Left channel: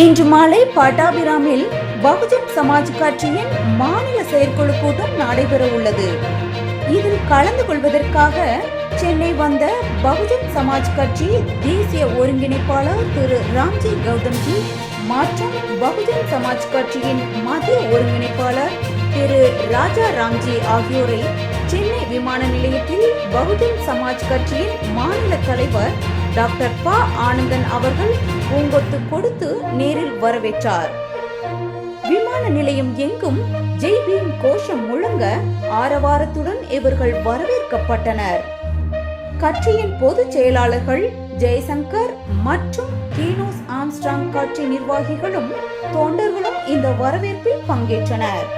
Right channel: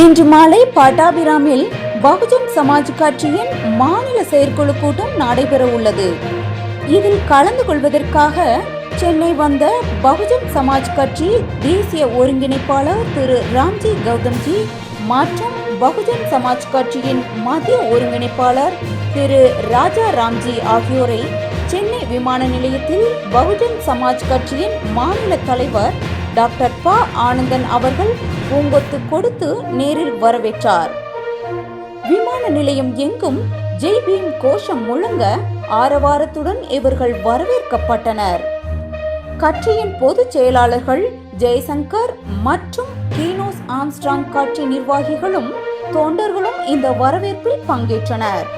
இன்று மாலை பட்டாபிராமில் பகுஜன் சமாஜ் கட்சியின் மாநில செயற்குழு கூட்டம் நடைபெற உள்ளது. இதில் கலந்து கொள்வதற்காக சென்னை வந்த பகுஜன் சமாஜ் கட்சி தேசிய ஒருங்கிணைப்பாளர் திரு ராம்ஜி கௌதம்ஜி மற்றும் பகுஜன் சமாஜ் கட்சியின் மத்திய ஒருங்கிணைப்பாளர் திரு ராஜா ராம்ஜி ஆகியோரை சென்னை விமான நிலையத்தில் பகுஜன் சமாஜ் கட்சியின் மாநில தலைவர் டாக்டர் ப ஆனந்தன் அவர்கள் பூங்கொத்து கொடுத்து நேரில் வரவேற்றார். விமான நிலையம் எங்கும் ஜெய் பீம் கோஷம் முழங்க ஆரவாரத்துடன் இவர்கள் வரவேற்கப்பட்டனர். கட்சியின் பொதுச் செயலாளர்கள் ஜெய்சங்கர் மற்றும் கீனோஸ் ஆம்ஸ்ட்ராங் கட்சி நிர்வாகிகளும் தொண்டர்களும் இந்த வரவேற்பில் பங்கேற்றனர்.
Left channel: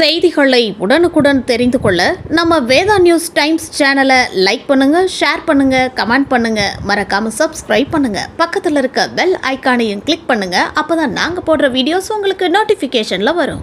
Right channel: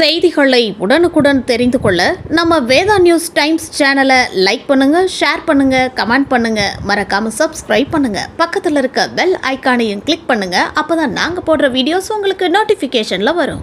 செய்திகளை உடனுக்குடன் தெரிந்து கொள்ள நம்ம வேதா நியூஸ் டைம்ஸ் சேனலை லைக் பண்ணுங்க, ஷேர் பண்ணுங்க, கமெண்ட் பண்ணுங்க, மறக்காம சப்ஸ்கிரைப் பண்ணுங்க. பக்கத்தில் இருக்க பெல் ஐகானையும் கிளிக் பண்ணுங்க. அப்பதான் நாங்க போடுற வீடியோஸ் உங்களுக்கு நோட்டிபிகேஷன்ல வரும்.